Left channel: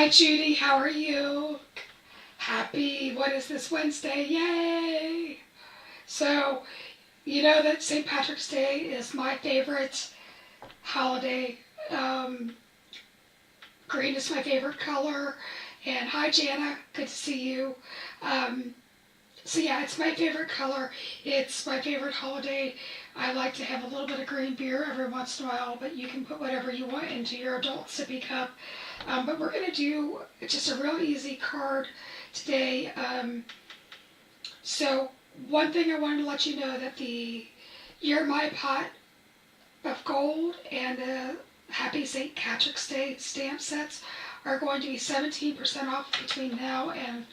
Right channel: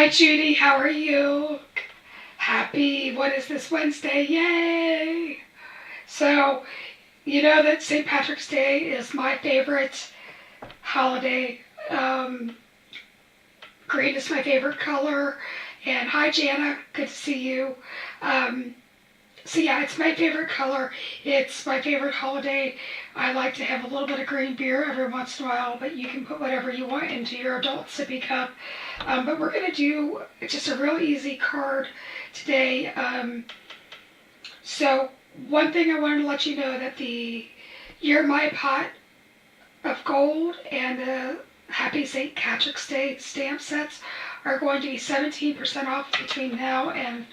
Hi Judy, how are you? Happy, what is this, Wednesday? Yay! So, you know that St. Patrick's Day is my favorite holiday. Green is my favorite color. And hi Jana, good to see you. So yeah, it's my favorite color. It's my favorite holiday. I like to have a little bit of green beer every once in a while, but you can put whatever you want into your adult sippy cup. But we're going to do just a real easy card today. So one thing I wanted to let you know that the You're My Pot of Gold and the Happy St. Patrick's Day stamp sets are going to be 17% off between now and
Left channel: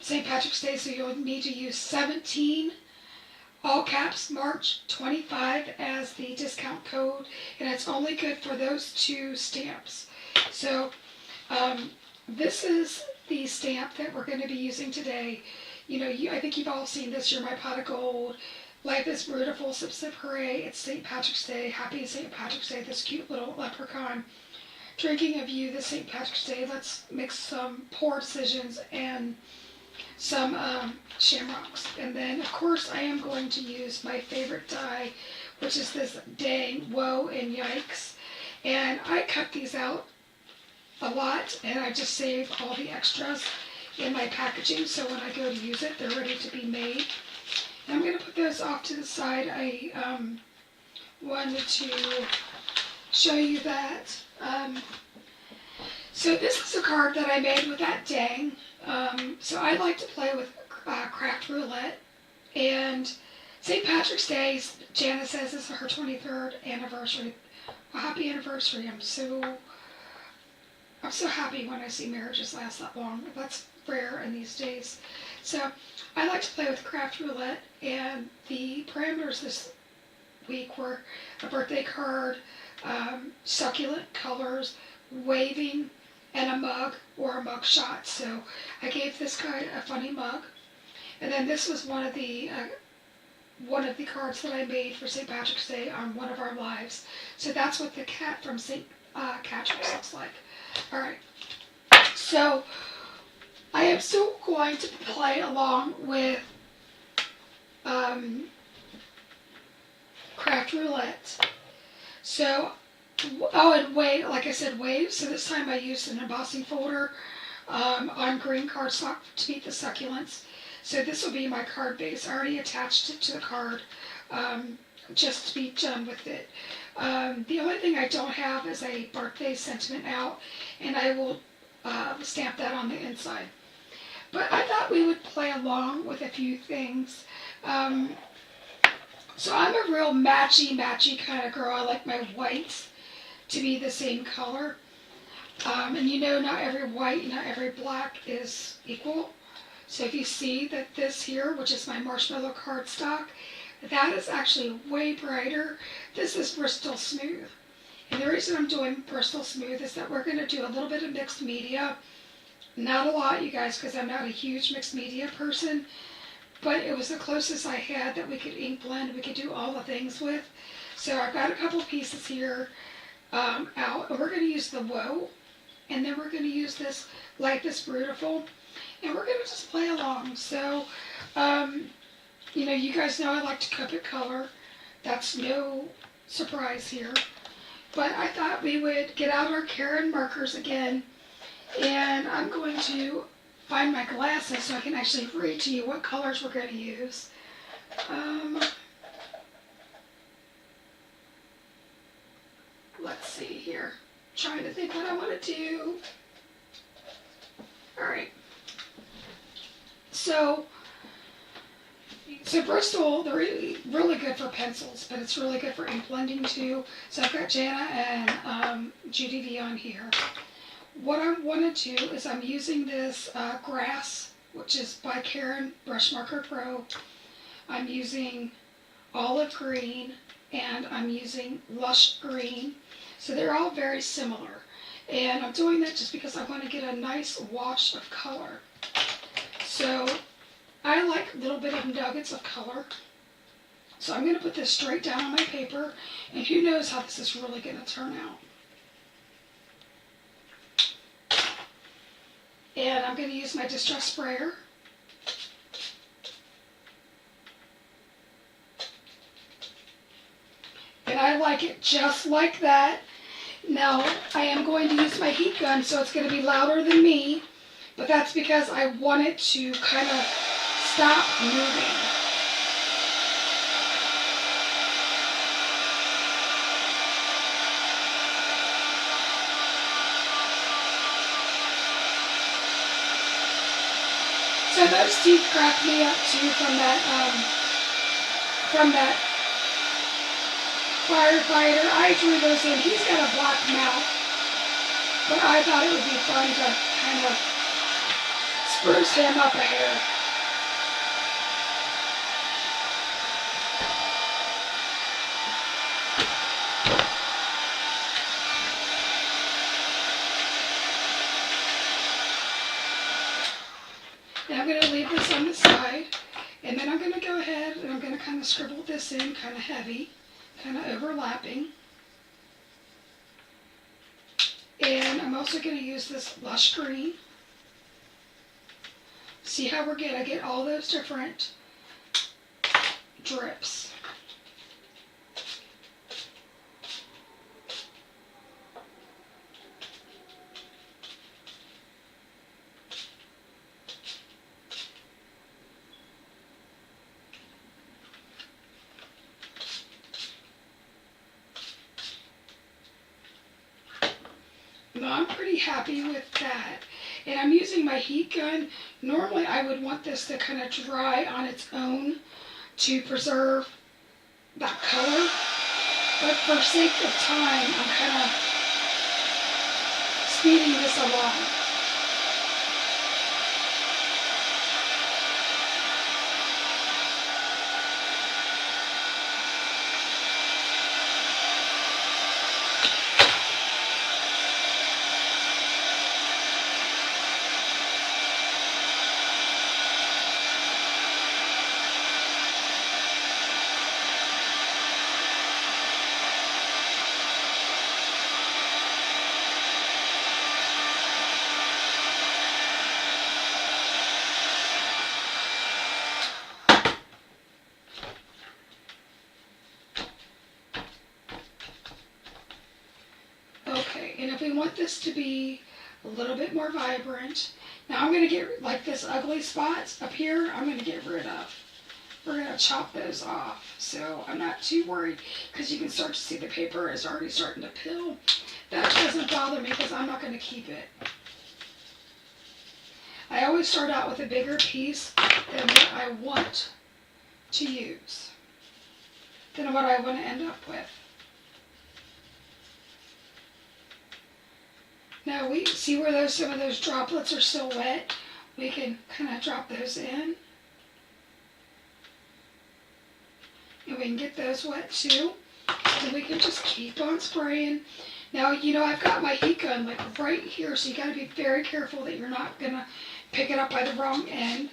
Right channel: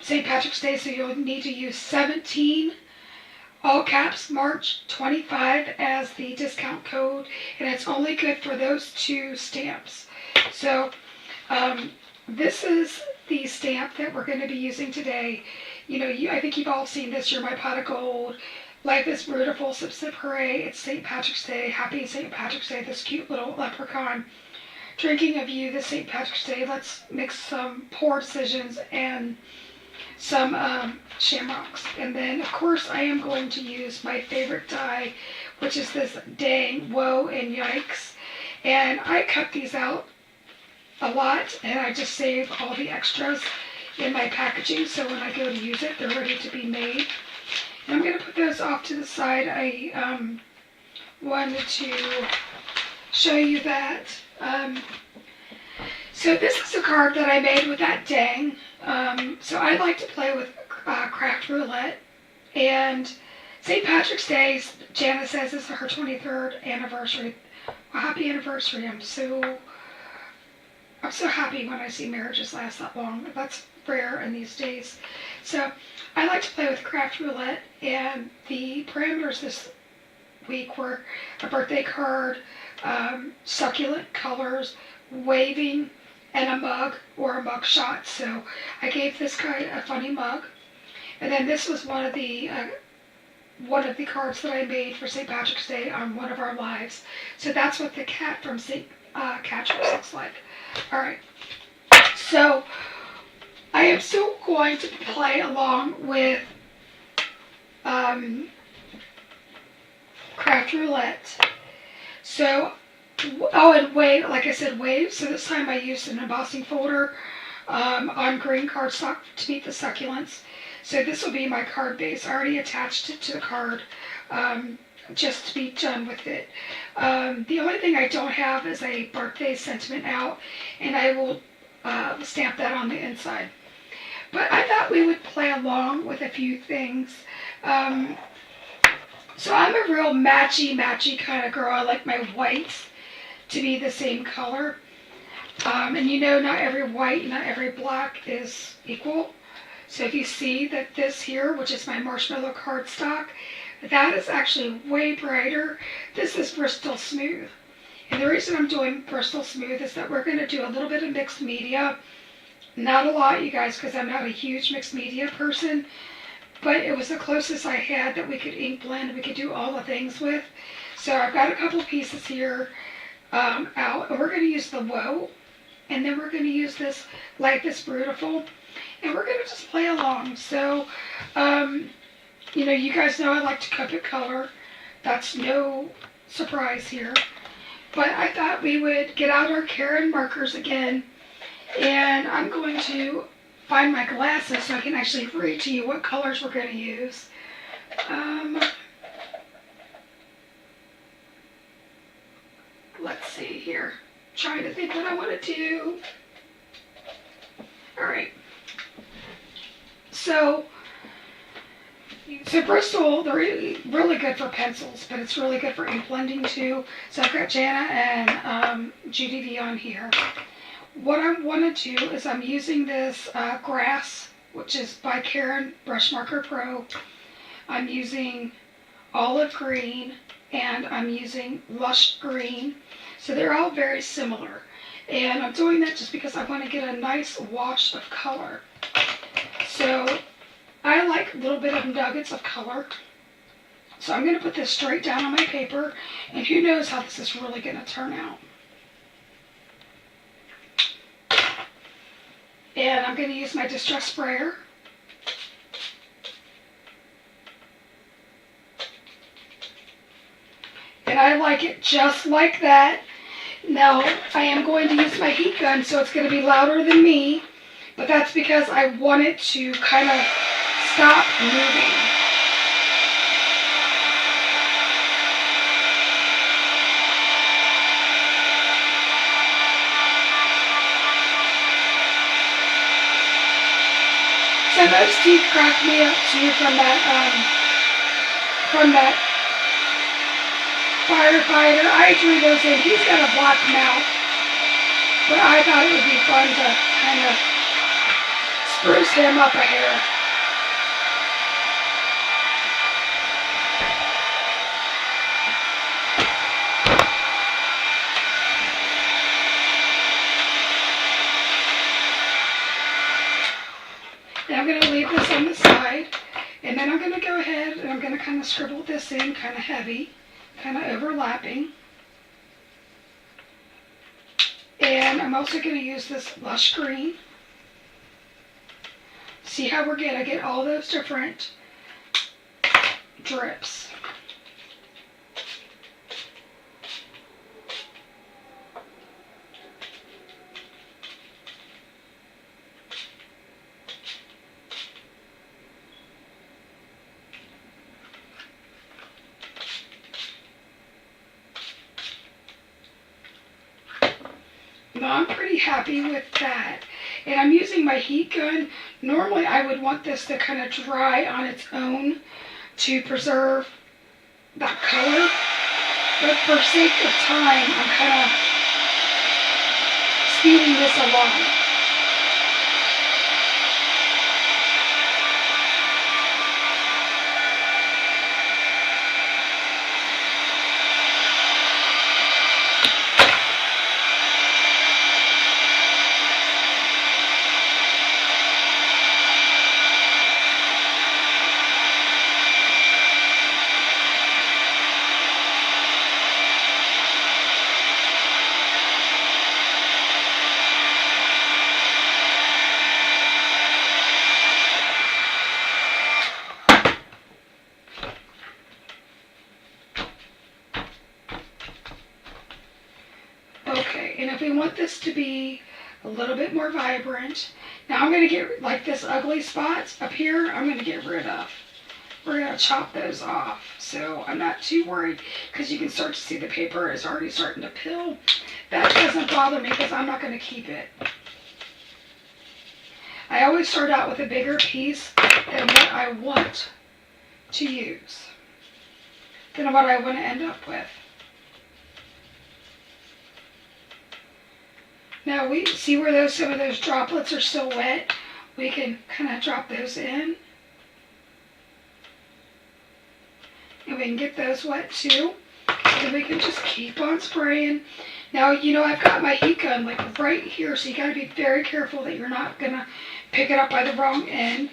St. Patrick's Day, so you'll need to use 17, all caps, March 25 as the discount code, and it's only good for those two stamps. So this is the stamp that we're going to be using today. You know, I think you've all seen this. You're My Pot of Gold. Life is Beautiful. Sip Sip Hooray. It's St. Patrick's Day. Happy St. Patrick's Day. This cute little leprechaun drinking of you this St. Patrick's Day. Let's make some poor decisions and some shamrocks. And then, of course, I am going to use my favorite die, which is this Dang, Whoa, and Yikes. And I cut these out a lot, and I just save all the extras in my packaging, so when I go to use it, they're ready to be made. And I'm going to put those off to the side. I wanted to show you that. So this is a card that I made with that Dang. So I like to play with craft roulette, and St. Patrick's Day, Jana says, is her 23rd anniversary. Well, happy anniversary. I'm so happy when I see marriages last that long. That's rare in these days. So I like to play with craft roulette, and the parameters this week were a birthday card, succulent colors, waving, and a mug or a mug shot. So I gave this guy a funny mug, and then this was one of the cards that I made for St. Patrick's Day on one of our lives. So that's what the cat from St. Patrick's looks like. All right. So I am still going to play along with craft roulette. So. Oh, and wave, like I said, wave. So this time I used an embossing folder on green cardstock to meet the succulents. So this will be my card base. I already attached it to the card just to be done with it. The only thing I don't have is a birthday sentiment out, and I will stamp that on the inside. But I thought we would play along with a few things. So I'm a real matchy kind of girl. I like my whites to be the same color. And you know, not every white, not every black is equal. So if you see that this here, which is my marshmallow cardstock, that is actually way brighter. This is Bristol Smooth. And the reason I'm doing Bristol Smooth is that we're going to do a little bit of mixed media. Not a lot, you guys, because I'm not a huge mixed media person. But it was the closest I had that we could ink blend, we could do all the things with. So I've got a couple pieces here out. And we're going to use the Whoa. And then we're going to use this Life is Beautiful. And we're going to just play along. So, you know, you guys know I like to carpet color. That's no surprise here. But I thought we would get out our Karen markers again. And I'm going to find my glasses so I can actually read to you what colors we're going to use. Let's see here. Trying to think what I want to do. All right. So Bristol, they're really good for pencils, but it's really good for ink blending too. So I've got Jana and Judy V on here. What I want to do is I'm using this Grass, which is by Karen Brush Marker Pro. I'm using Olive Green, and I'm using Lush Green. So they're all very similar. And I'm doing that just because I want to get a nice wash of color. So I like a little bit of nuggets of color. So I'm going to put this straight down on my paper, and who knows how this is really going to turn out. And I'm going to use my distress sprayer. And I like it just like that. Now, I am going to use my heat gun, so it's going to be louder than me. But that's because I want it to kind of stop moving. So those teeth cracked me up too from that firefighter. I drew those in. He's got a black mouth, but I thought it would be fun to kind of spruce him up a hair. Now I'm going to leave this on the side, and then I'm going to go ahead and I'm going to kind of scribble this in kind of heavy, kind of overlapping. And I'm also going to use this lush green. See how we're good? I get all those different drips. Now I'm pretty happy with that. And I'm using my heat gun. Normally I would want this to kind of dry on its own to preserve that color. But for sake of time, I'm kind of speeding this along. Okay, and if we want this to be a little bit more vibrant, now I'm going to get, like this ugly spots up here, I'm going to get rid of. We're going to chop those off. So I'm not too worried because you can start to see the paper is already starting to peel. That doesn't bother me because I'm not going to keep it. I always start out with a bigger piece than what I want to use, than what I want to end up with. Now we see where some of those droplets are still wet. We can kind of drop those in. And we can get those wet too. And we can just keep on spraying. Now, you know, I've got my heat gun like right here, so you got to be very careful that you're not going to pick it up by the wrong end.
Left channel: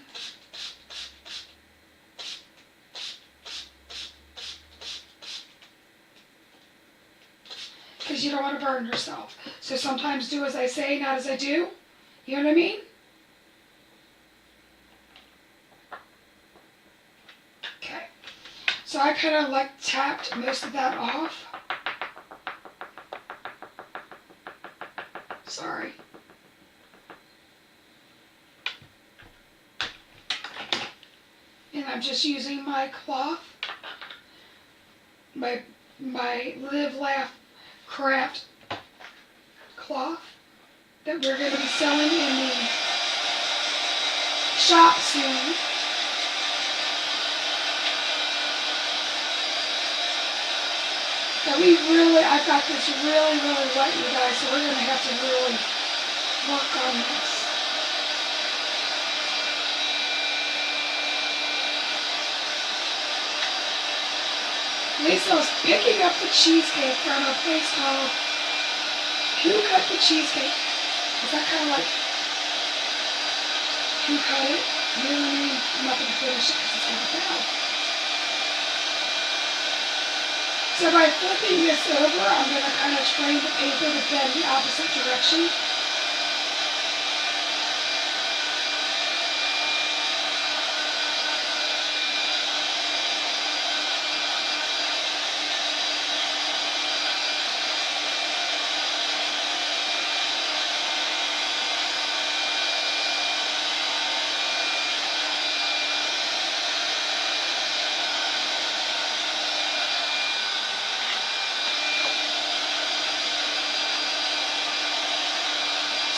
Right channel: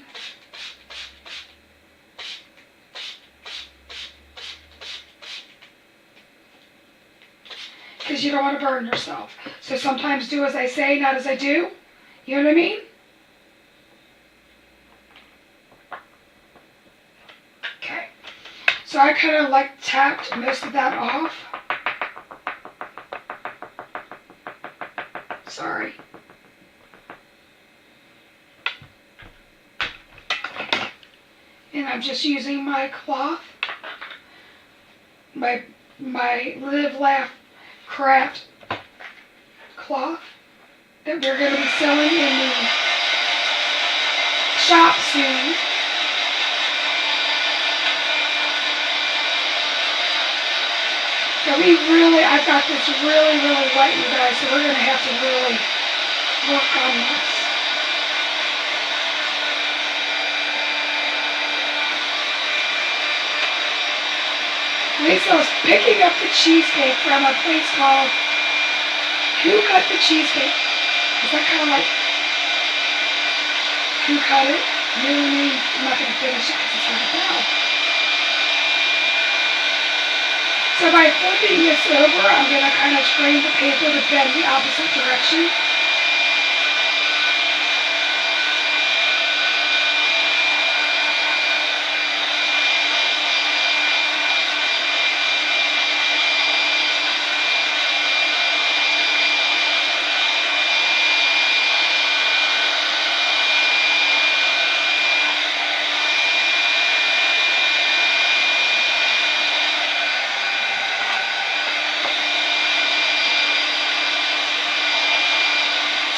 Because you don't want to burn yourself. So sometimes do as I say, not as I do. You know what I mean? Okay. So I kind of like tapped most of that off. Sorry. And I'm just using my cloth, my Live Laugh Craft cloth that we're going to be selling in the shop soon. But I've got this really wet, you guys, so we're going to have to really work on this. Lisa was picking up the cheesecake from a place called Who Cut the Cheesecake? Is that kind of like Who Cut It? No, I'm not going to finish it because it's right now. So by flipping this over, I'm going to kind of train the paper to bend the opposite direction.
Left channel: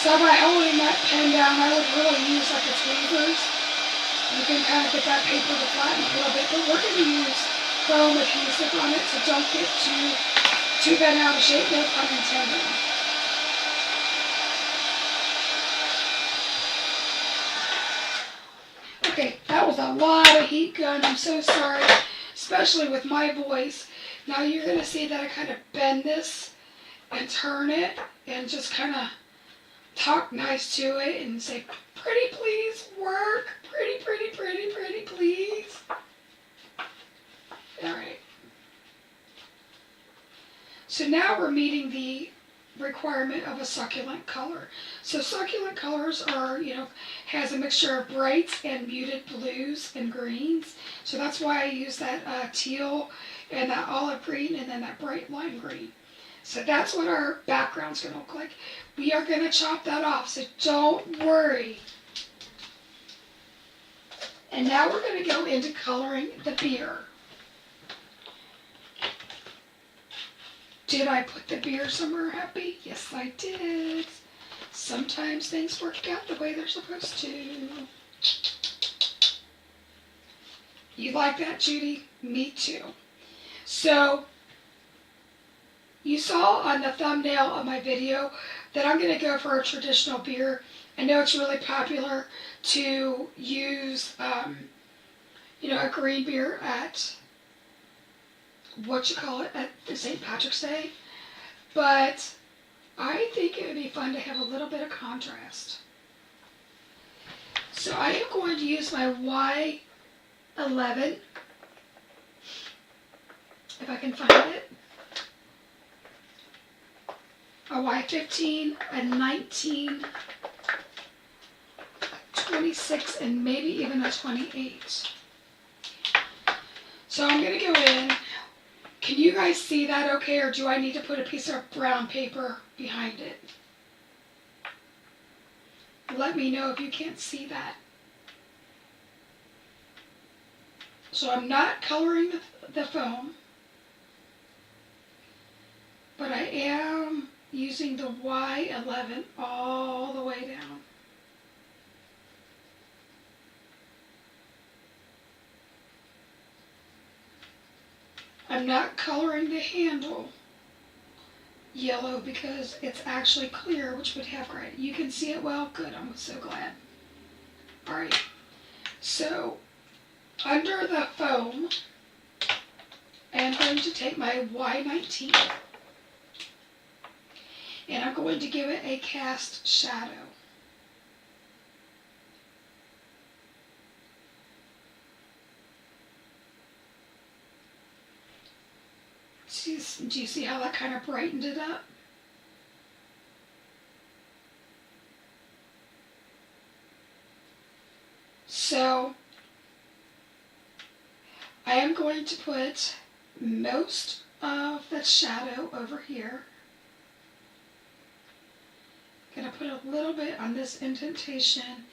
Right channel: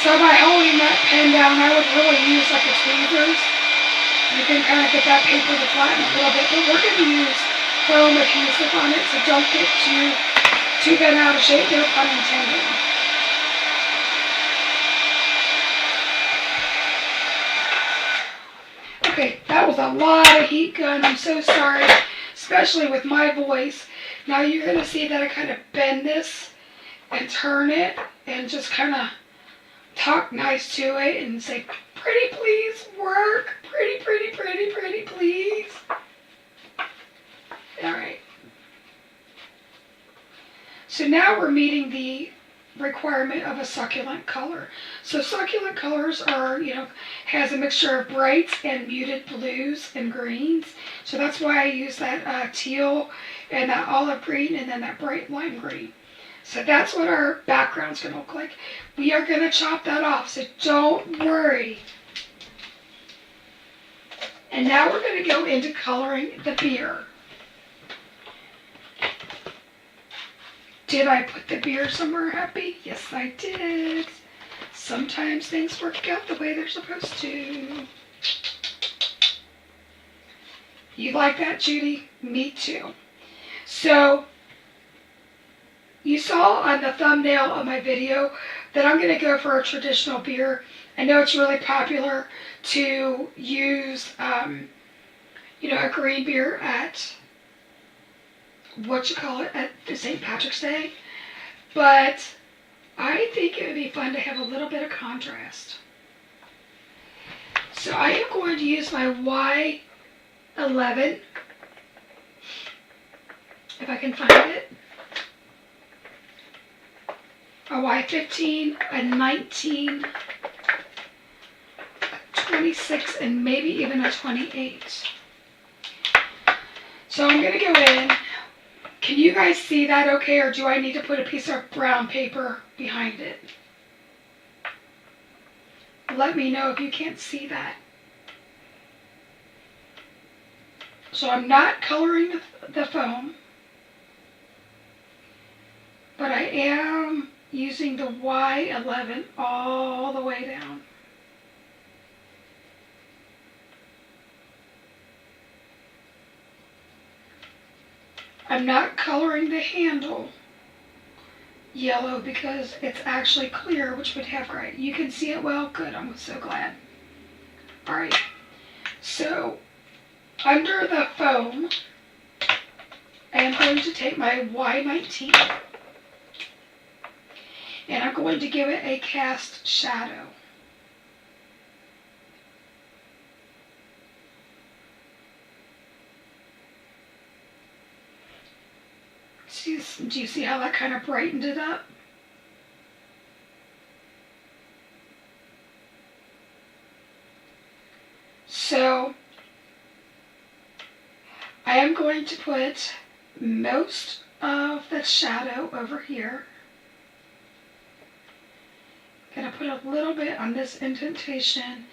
So by holding that pen down, I would really use like the tweezers. You can kind of get that paper to flatten a little bit, but we're going to use foam adhesive on it, so don't get too bent out of shape, no pun intended. Okay, that was a lot of heat gun. I'm so sorry, especially with my voice. Now you're going to see that I kind of bend this and turn it and just kind of talk nice to it and say, pretty please work, pretty, pretty, pretty, pretty please. All right. So now we're meeting the requirement of a succulent color. So succulent colors are, has a mixture of brights and muted blues and greens. So that's why I use that teal and that olive green and then that bright lime green. So that's what our background's going to look like. We are going to chop that off, so don't worry. And now we're going to go into coloring the beer. Did I put the beer somewhere happy? Yes, I did. Sometimes things work out the way they're supposed to. You like that, Judy? Me too. So, you saw on the thumbnail of my video that I'm going to go for a traditional beer. I know it's really popular to use, a green beer at, at the St. Patrick's Day. But I think it would be fun to have a little bit of contrast. So I am going to use my Y11, if I can find it. A Y15, a 19, a 26, and maybe even a 28. So I'm going to go in. Can you guys see that okay, or do I need to put a piece of brown paper behind it? Let me know if you can't see that. So I'm not coloring the foam, but I am using the Y11 all the way down. I'm not coloring the handle yellow because it's actually clear, which would have gray. You can see it well? Good, I'm so glad. Alright, so under the foam, I am going to take my Y19 and I'm going to give it a cast shadow. Do you see how that kind of brightened it up? So I am going to put most of the shadow over here. I'm going to put a little bit on this indentation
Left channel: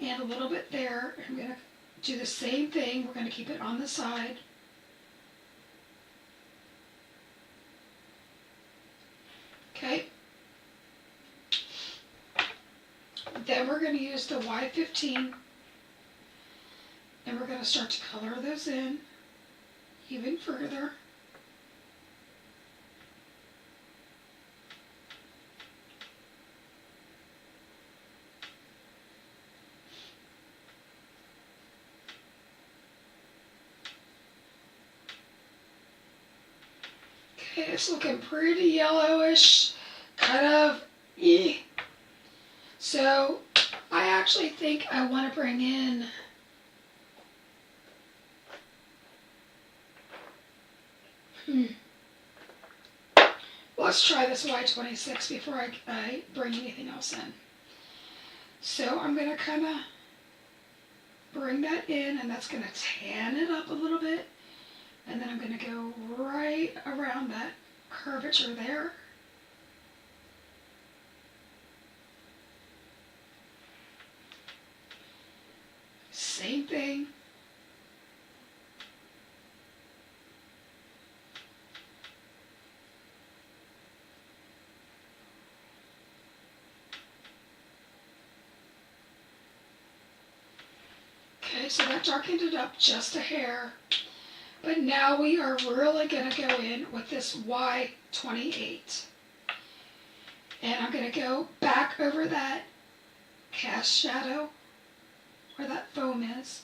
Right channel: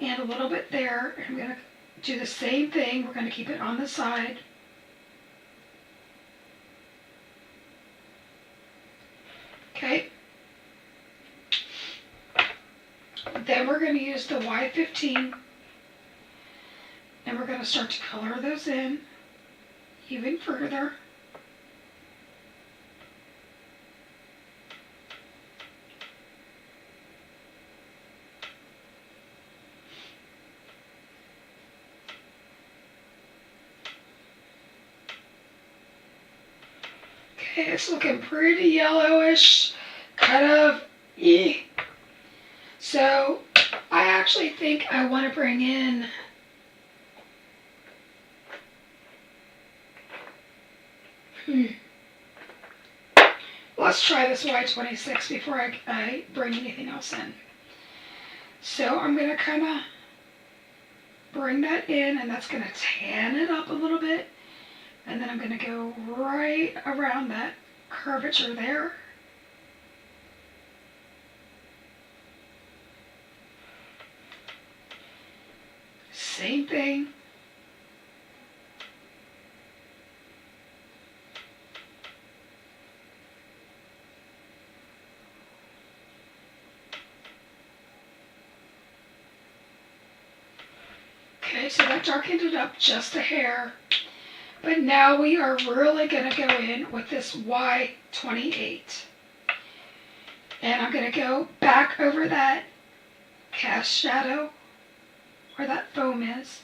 and a little bit there. I'm going to do the same thing. We're going to keep it on the side. Okay. Then we're going to use the Y15 and we're going to start to color those in even further. Okay, it's looking pretty yellowish, kind of So I actually think I want to bring in let's try this Y26 before I bring anything else in. So I'm going to kind of bring that in, and that's going to tan it up a little bit. And then I'm going to go right around that curvature there. Same thing. Okay, so that darkened it up just a hair. But now we are really going to go in with this Y28. And I'm going to go back over that cast shadow where that foam is.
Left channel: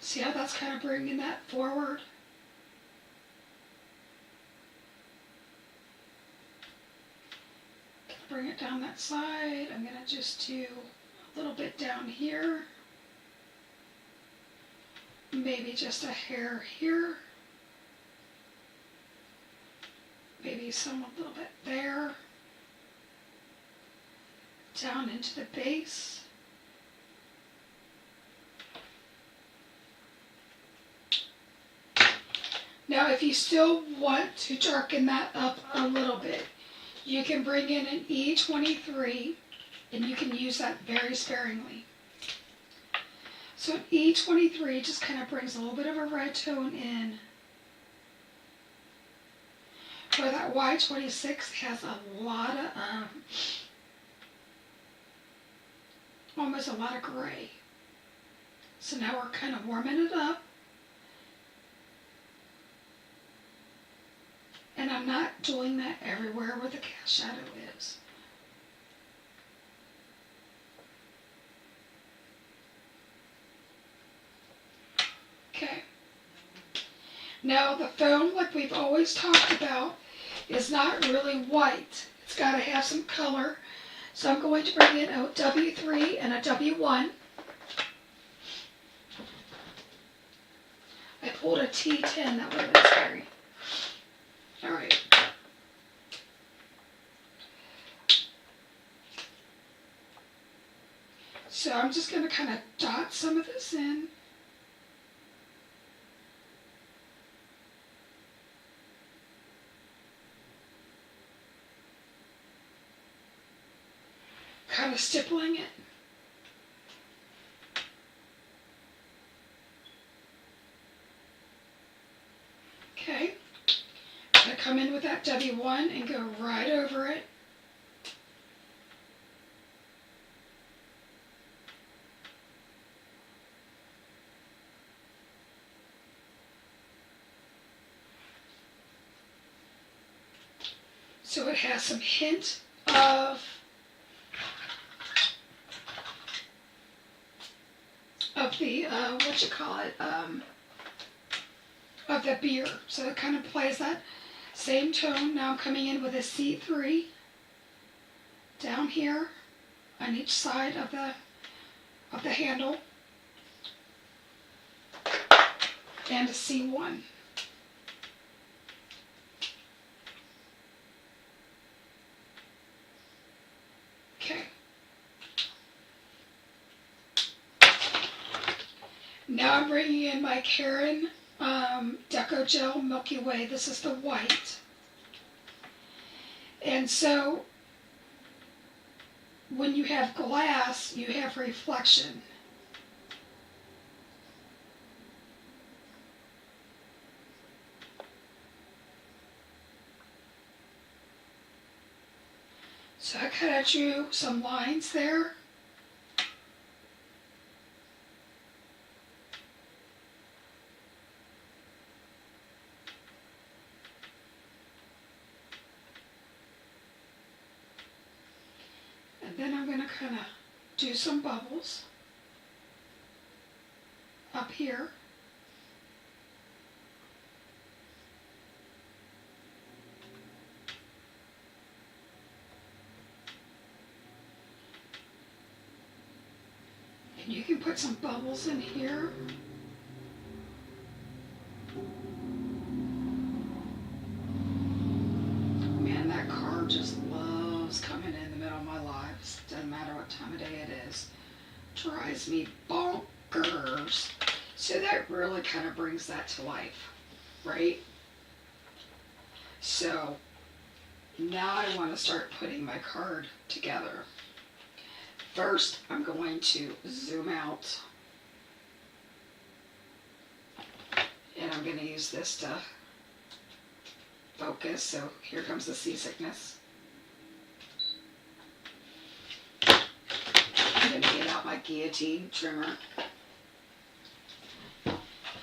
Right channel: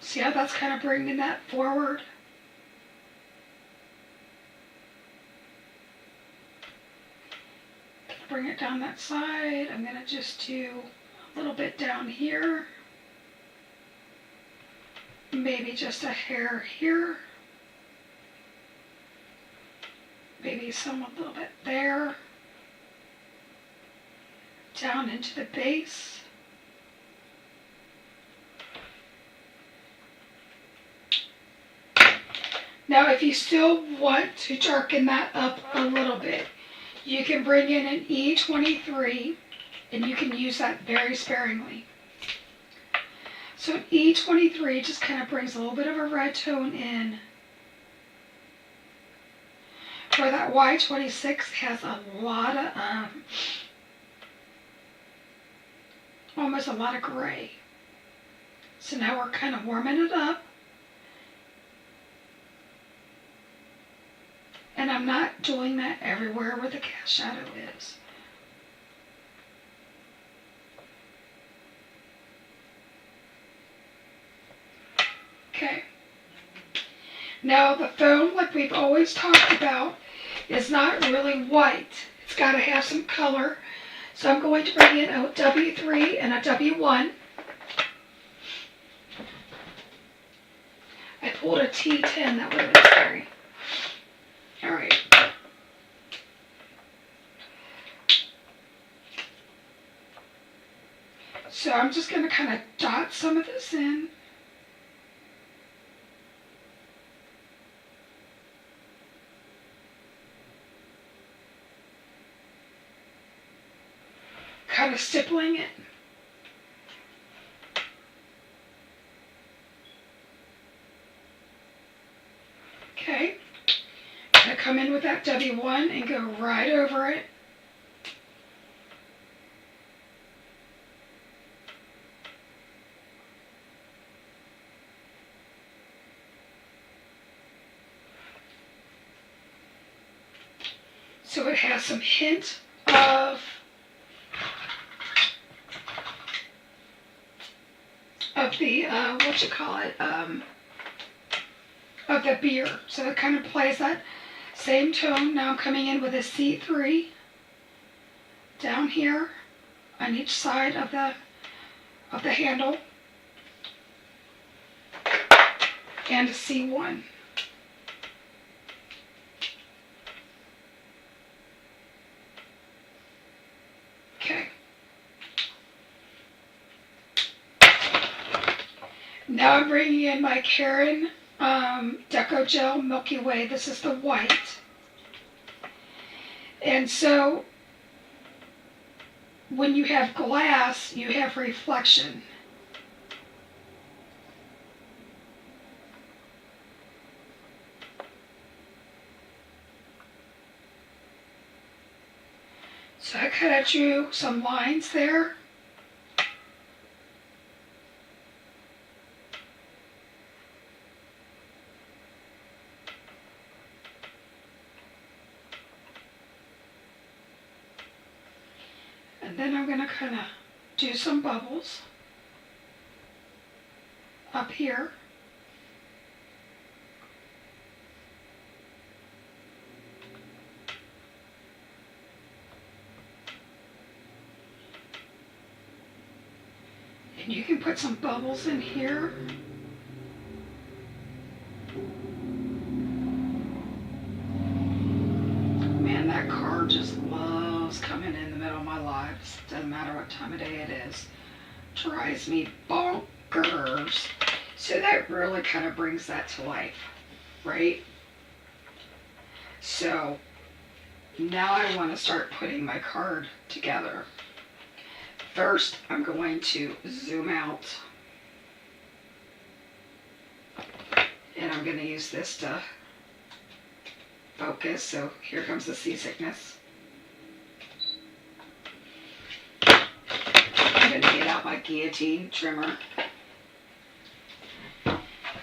See how that's kind of bringing that forward? Bring it down that side. I'm going to just do a little bit down here. Maybe just a hair here. Maybe some a little bit there. Down into the base. Now if you still want to darken that up a little bit, you can bring in an E23 and you can use that very sparingly. So an E23 just kind of brings a little bit of a red tone in, where that Y26 has a lot of, almost a lot of gray. So now we're kind of warming it up. And I'm not doing that everywhere where the cast shadow is. Okay. Now the foam, like we've always talked about, is not really white. It's got to have some color. So I'm going to bring in a W3 and a W1. I pulled a T10, that would have been scary. All right. So I'm just going to kind of dot some of this in. Kind of stippling it. Okay. I'm going to come in with that W1 and go right over it. So it has some hint of the, what you call it, of the beer. So it kind of plays that same tone. Now I'm coming in with a C3 down here on each side of the handle, and a C1. Okay. Now I'm bringing in my Karen Deco Gel Milky Way. This is the white. And so when you have glass, you have reflection. So I kind of drew some lines there. And then I'm going to kind of do some bubbles up here. And you can put some bubbles in here. Man, that car just loves coming in the middle of my life. Doesn't matter what time of day it is. Drives me bonkers. So that really kind of brings that to life, right? So now I want to start putting my card together. First, I'm going to zoom out, and I'm going to use this to focus. So here comes the seasickness. guillotine trimmer.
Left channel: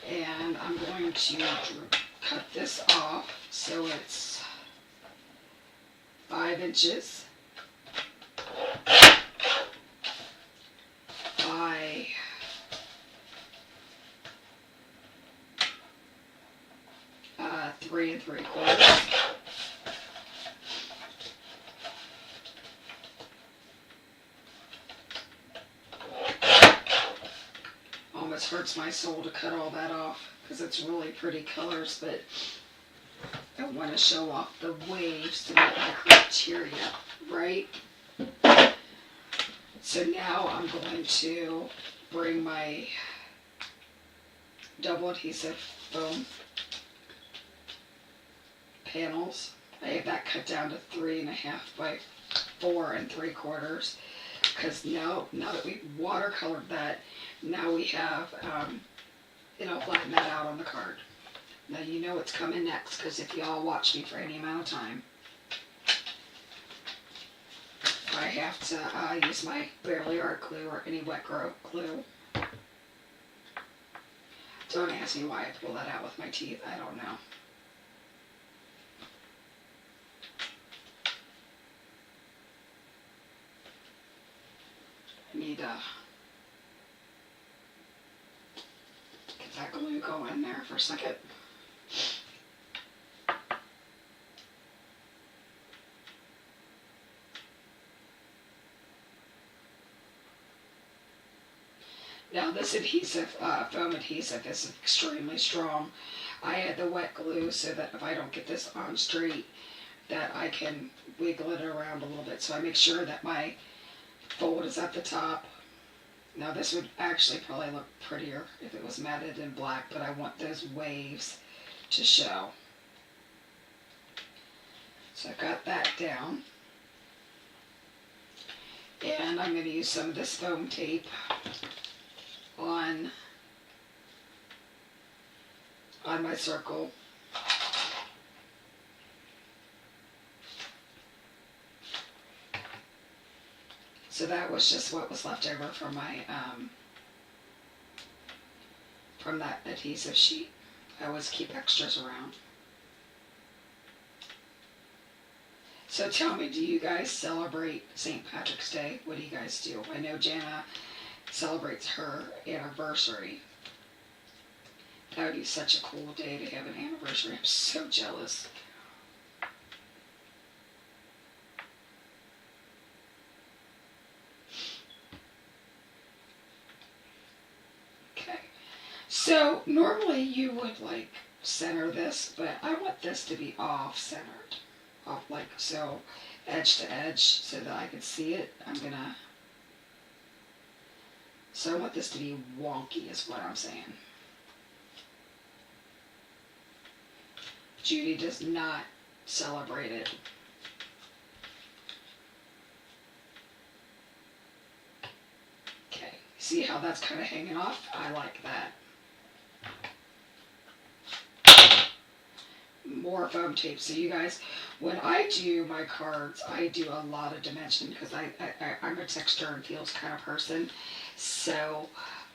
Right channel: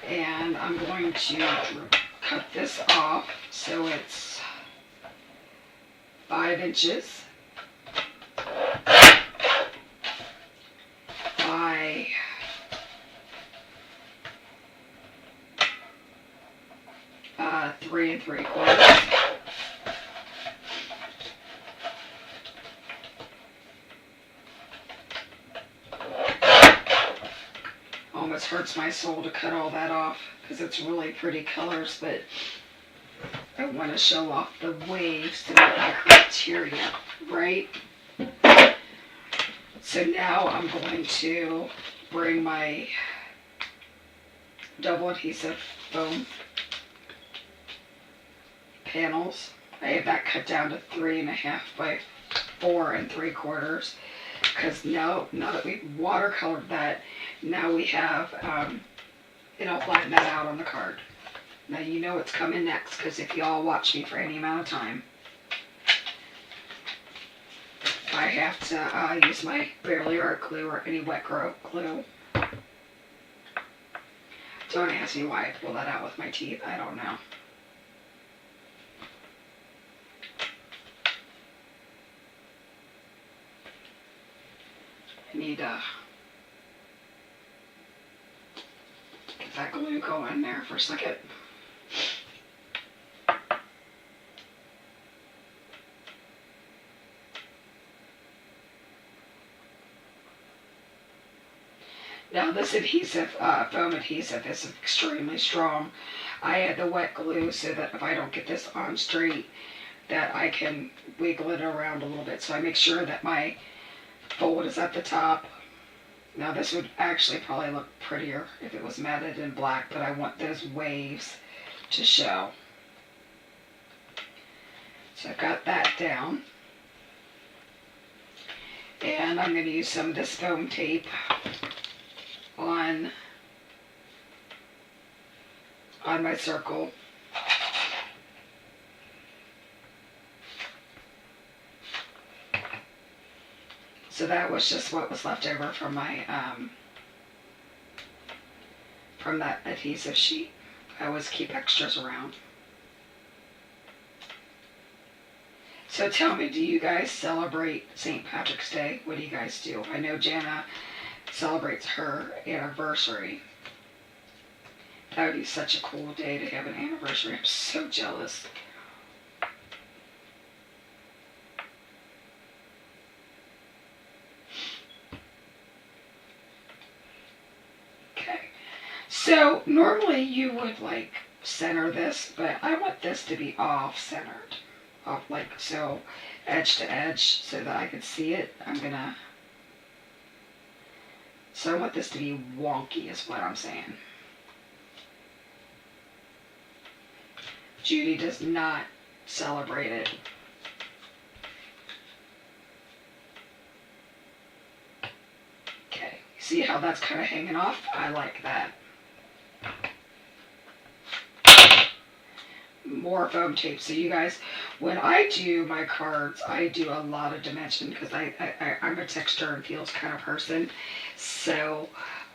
And I'm going to cut this off so it's 5 inches by 3 3/4. Almost hurts my soul to cut all that off because it's really pretty colors, but I want to show off the waves to meet my criteria, right? So now I'm going to bring my double adhesive foam panels. I have that cut down to 3.5 by 4 3/4 because now that we've watercolored that, now we have, it'll flatten that out on the card. Now you know what's coming next because if y'all watch me for any amount of time, I have to use my Barely Art glue or any wet glue. Don't ask me why I pull that out with my teeth. I don't know. I need to get that glue going there for a second. Now this adhesive, foam adhesive is extremely strong. I add the wet glue so that if I don't get this on straight, that I can wiggle it around a little bit. So I make sure that my fold is at the top. Now this would actually probably look prettier if it was matted in black, but I want those waves to show. So I've got that down. And I'm going to use some of this foam tape on my circle. So that was just what was left over from my from that adhesive sheet. I always keep extras around. So tell me, do you guys celebrate St. Patrick's Day? What do you guys do? I know Jana celebrates her anniversary. That would be such a cool day to have an anniversary. I'm so jealous. Okay, so normally you would like center this, but I want this to be off centered, off like so, edge to edge, so that I can see it. So I want this to be wonky is what I'm saying. Judy does not celebrate it. Okay, see how that's kind of hanging off? I like that. More foam tape. So you guys, when I do my cards, I do a lot of dimension because I'm a texture and feels kind of person. So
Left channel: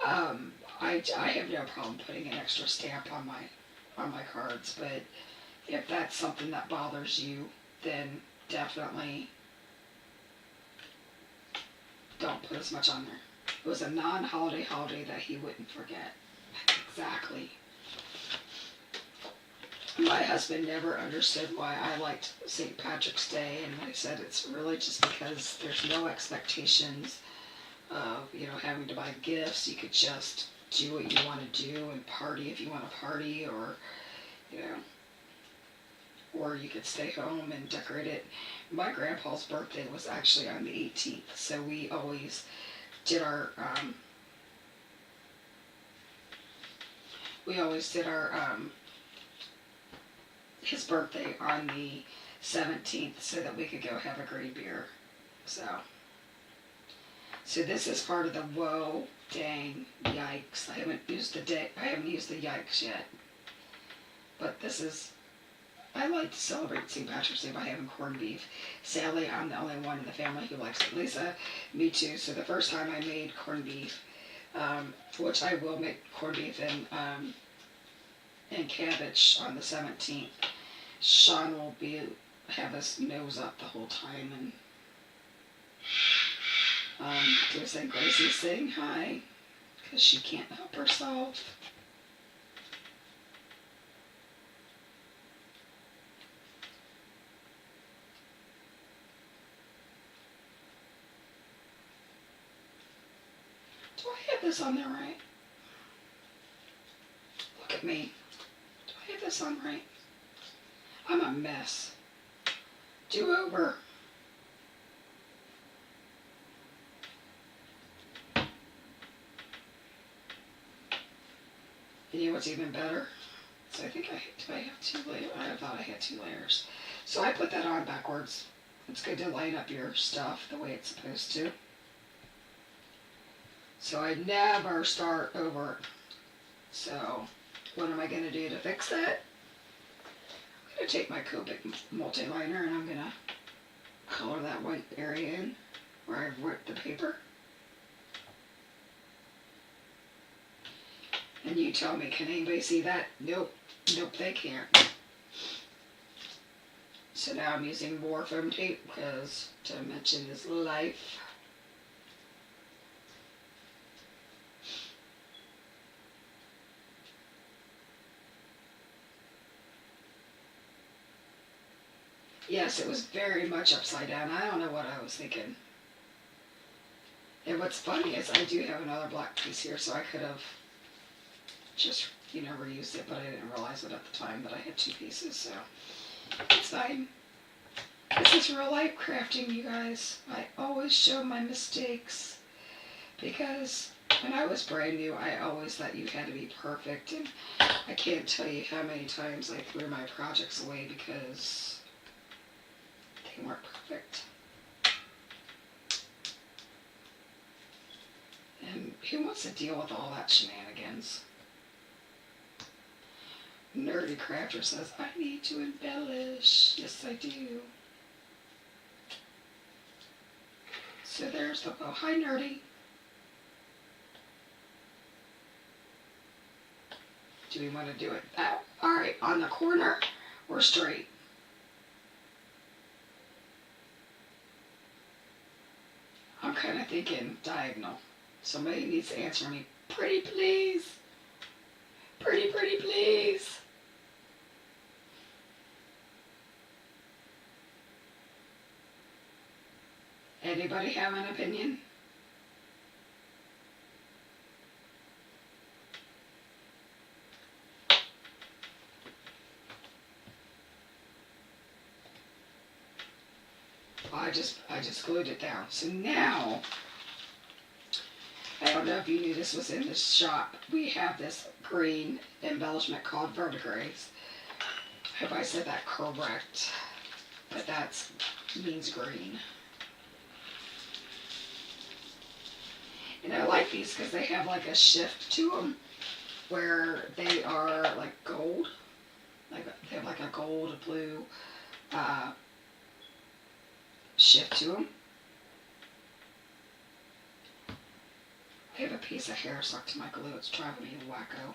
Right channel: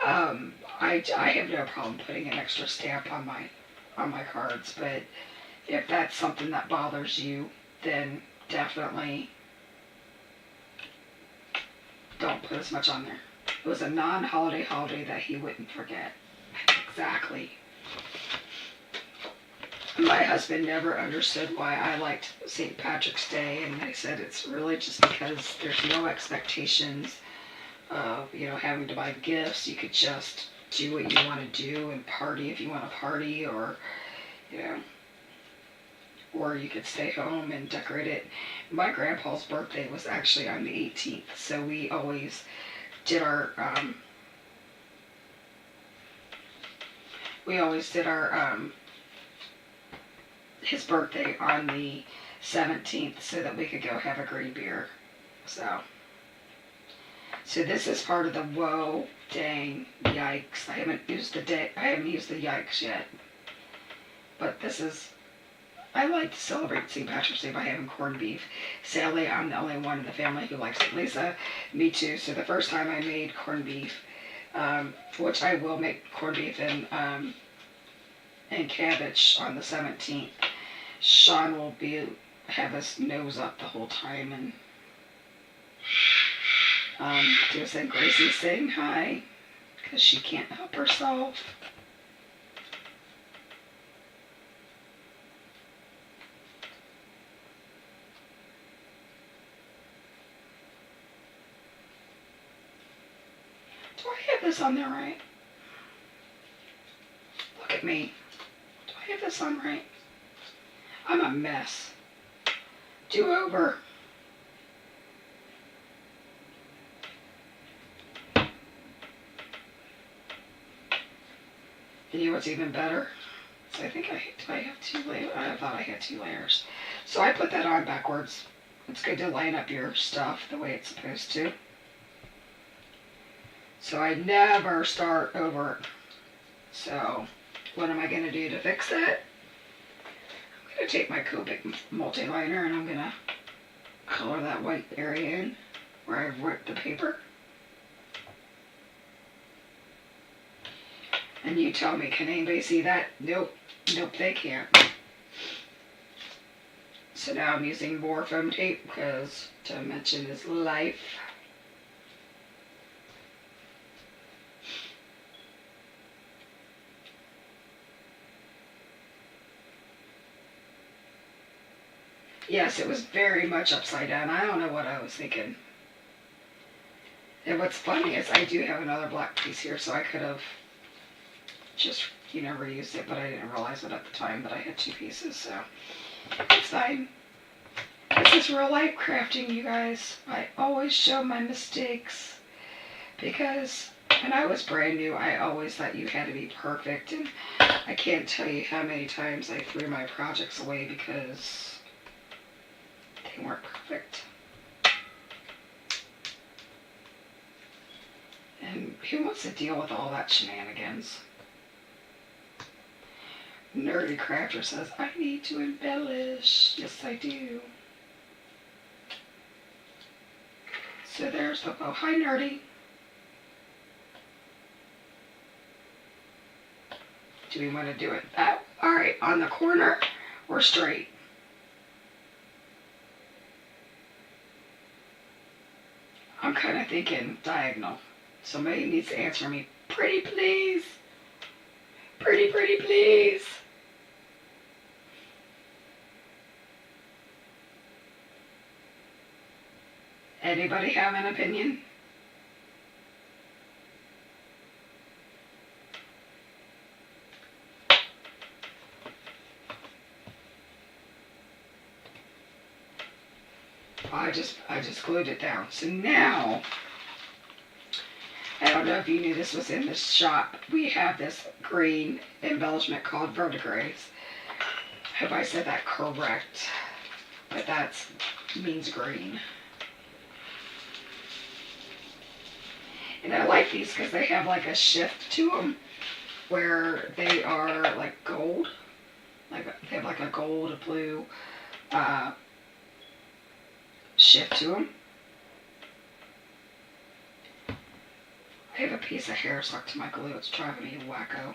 I have no problem putting an extra stamp on my cards, but if that's something that bothers you, then definitely don't put as much on there. It was a non-holiday holiday that he wouldn't forget. Exactly. My husband never understood why I liked St. Patrick's Day, and I said it's really just because there's no expectations of, having to buy gifts. You could just do what you want to do and party if you want to party, or, or you could stay home and decorate it. My grandpa's birthday was actually on the 18th, so we always did our, his birthday on the 17th so that we could go have a green beer. So this is part of the whoa, dang, yikes. I haven't used the yikes yet. But this is I like to celebrate St. Patrick's Day by having corned beef. Sadly, I'm the only one in the family who likes it. Lisa, me too. So the first time I made corned beef, which I will make corned beef and cabbage on the 17th. Sean will have his nose up the whole time and do saying Gracie's saying hi because she can't help herself. Do I have this on there right? Look at me. Do I have this on right? I'm a mess. Do over. You know what's even better? So I think do I have 2 layers? I thought I had 2 layers. So I put that on backwards. It's good to line up your stuff the way it's supposed to. So I never start over. So what am I going to do to fix that? I'm going to take my Copic multi-liner and I'm going to color that white area in where I've ripped the paper. And you tell me, can anybody see that? Nope. Nope, they can't. So now I'm using more foam tape because dimension is life. Yes, it was very much upside down. I don't know what I was thinking. And what's funny is I do have another black piece here, so I could have just, reused it, but I didn't realize it at the time that I had 2 pieces, so it's fine. This is real life crafting, you guys. I always show my mistakes because when I was brand new, I always thought you had to be perfect, and I can't tell you how many times I threw my projects away because they weren't perfect. And who wants to deal with all that shenanigans? Nerdy Crafter says, I need to embellish. Yes, I do. So there's the bow. Hi, Nerdy. Do we want to do it that? All right, on the corner or straight? I'm kind of thinking diagonal. Somebody needs to answer me. Pretty please. Pretty please. Anybody have an opinion? I just glued it down. So now, I don't know if you knew this was in the shop. We have this green embellishment called verdigris. Hope I said that correct. But that means green. And I like these because they have like a shift to them where they are like gold. Like they have like a gold, a blue shift to them. I have a piece of hair stuck to my glue. It's driving me wacko.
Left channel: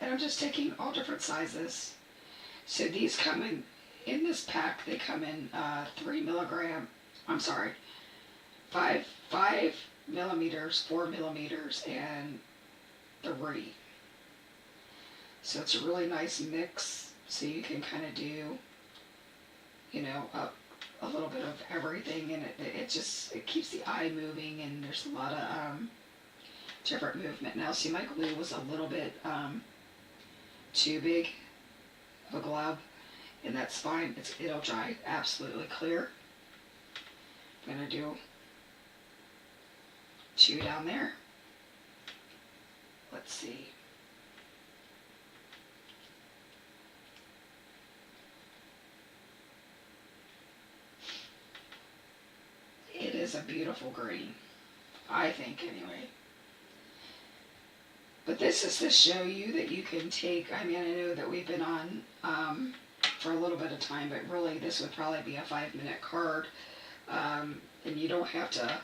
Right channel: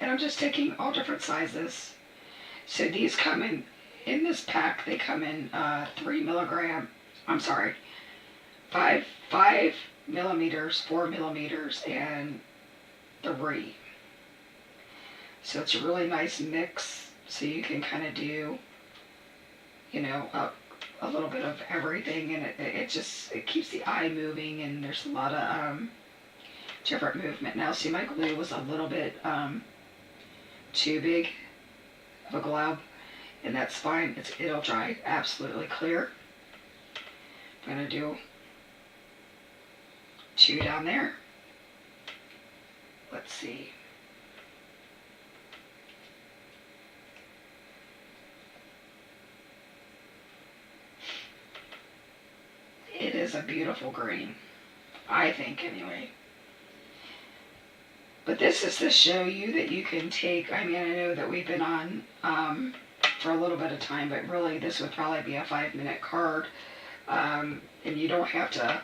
And I'm just taking all different sizes. So these come in this pack, they come in 3 milligram, I'm sorry, 5 millimeters, 4 millimeters, and 3. So it's a really nice mix, so you can kind of do, a little bit of everything, and it keeps the eye moving, and there's a lot of different movement. Now, see, my glue was a little bit too big of a glob, and that's fine. It'll dry absolutely clear. I'm going to do 2 down there. Let's see. It is a beautiful green. I think anyway. But this is to show you that you can take, I mean, I know that we've been on for a little bit of time, but really this would probably be a 5-minute card. And you don't have to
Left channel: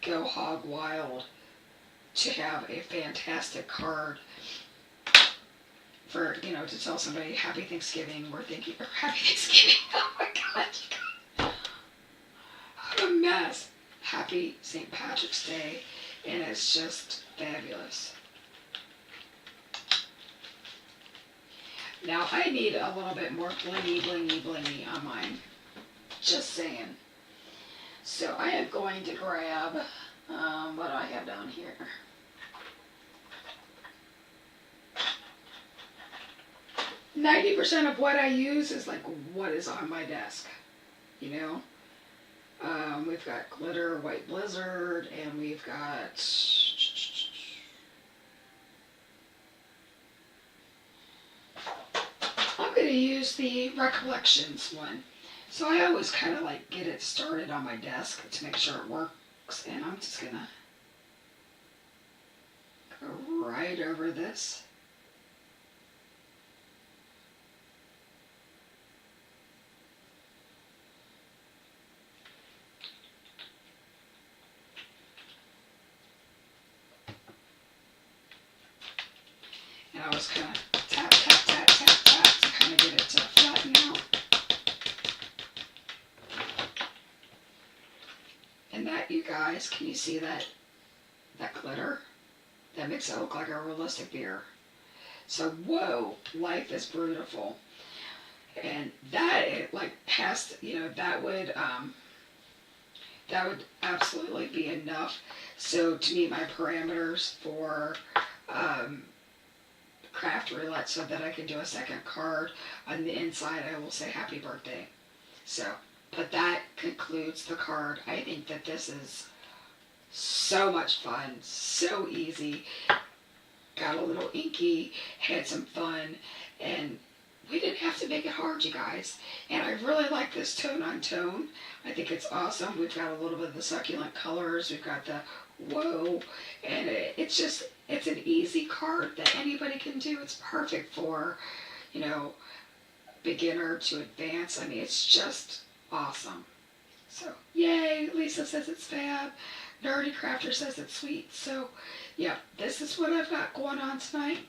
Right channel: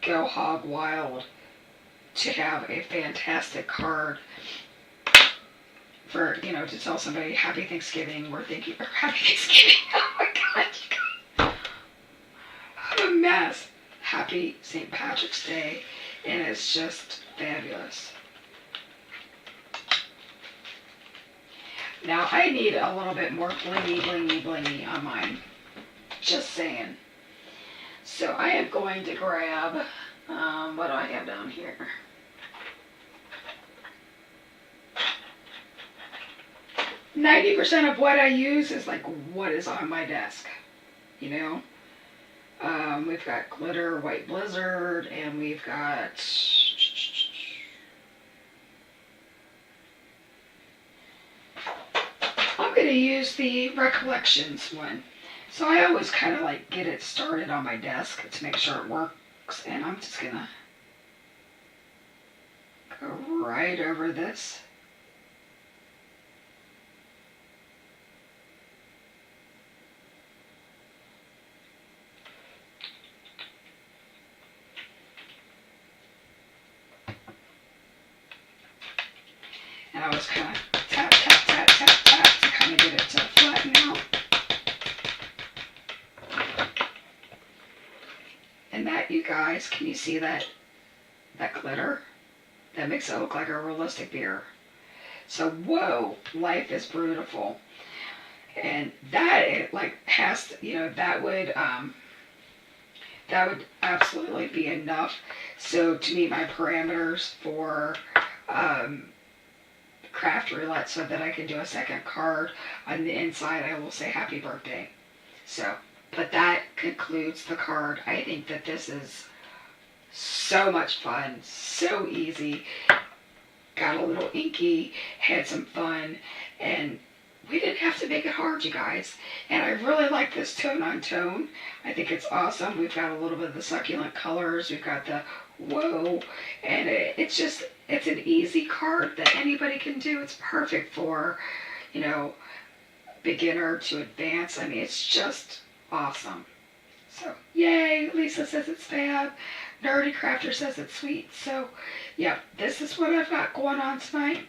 go hog wild to have a fantastic card for, you know, to tell somebody Happy Thanksgiving. We're thinking, or Happy Thanksgiving. Oh my God, you guys. I'm a mess. Happy St. Patrick's Day. And it's just fabulous. Now I need a little bit more blingy, blingy, blingy on mine. Just saying. So I am going to grab, what do I have down here? %of what I use is like what is on my desk, you know? We've got glitter, white blizzard, and we've got I'm going to use the Recollections one. So I always kind of like get it started on my desk to make sure it works, and I'm just going to go right over this. And I was kind of tap, tap, tap, tap, tap to kind of get it to flatten out. And that, you guys, can you see that glitter? That makes it look like a realistic beer. So, whoa, life is beautiful. And that, it like has to, you know, that would absolutely be enough. So to meet my parameters for craft roulette, so that I can do a second card on the inside, I will say happy birthday. So, but that concludes the card. I think that this is so much fun, so easy. Got a little inky, had some fun, and we didn't have to make it hard, you guys. And I really like this tone on tone. I think it's awesome. We've got a little bit of the succulent colors. We've got the whoa, and it's an easy card that anybody can do. It's perfect for, you know, beginner to advanced. I mean, it's just awesome. So, yay, Lisa says it's fab. Nerdy Crafter says it's sweet. So, yeah, this is what I've got going on tonight.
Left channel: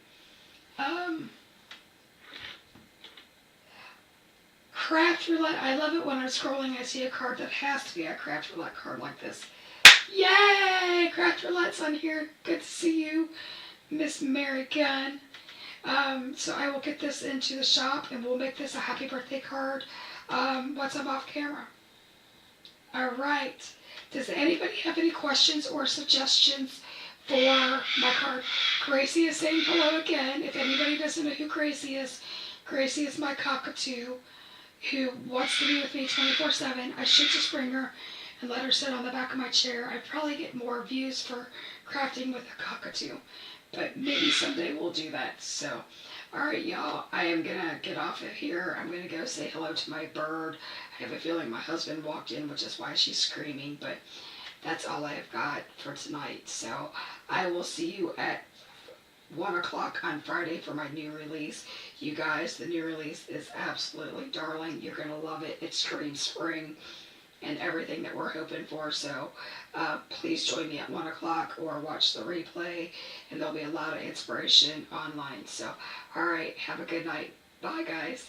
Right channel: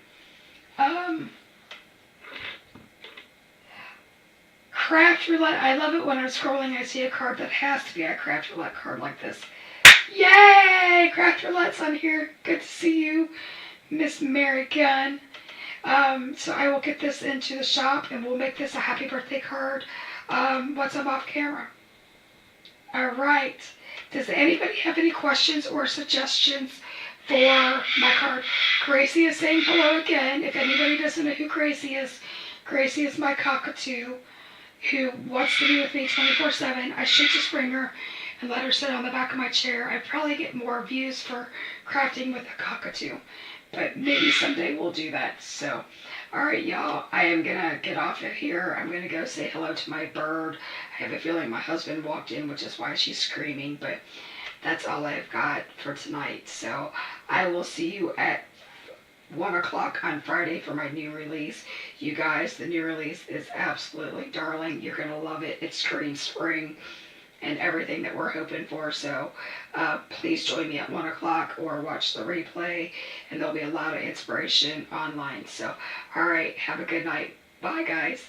Craft Roulette. I love it when I'm scrolling, I see a card that has to be a Craft Roulette card like this. Yay! Craft Roulette's on here. Good to see you, Miss Mary Gunn. So I will get this into the shop and we'll make this a happy birthday card once I'm off camera. Alright. Does anybody have any questions or suggestions for my card? Gracie is saying hello again. If anybody doesn't know who Gracie is my cockatoo who wants to be with me 24/7. I should just bring her and let her sit on the back of my chair. I probably get more views for crafting with a cockatoo, but maybe someday we'll do that. So, alright y'all, I am gonna get off of here. I'm gonna go say hello to my bird. I have a feeling my husband walked in, which is why she's screaming, but that's all I've got for tonight. So I will see you at 1 o'clock on Friday for my new release. You guys, the new release is absolutely darling. You're gonna love it. It screams spring and everything that we're hoping for. So please join me at 1 o'clock or watch the replay, and there'll be a lot of inspiration online. So, all right, have a good night. Bye, guys.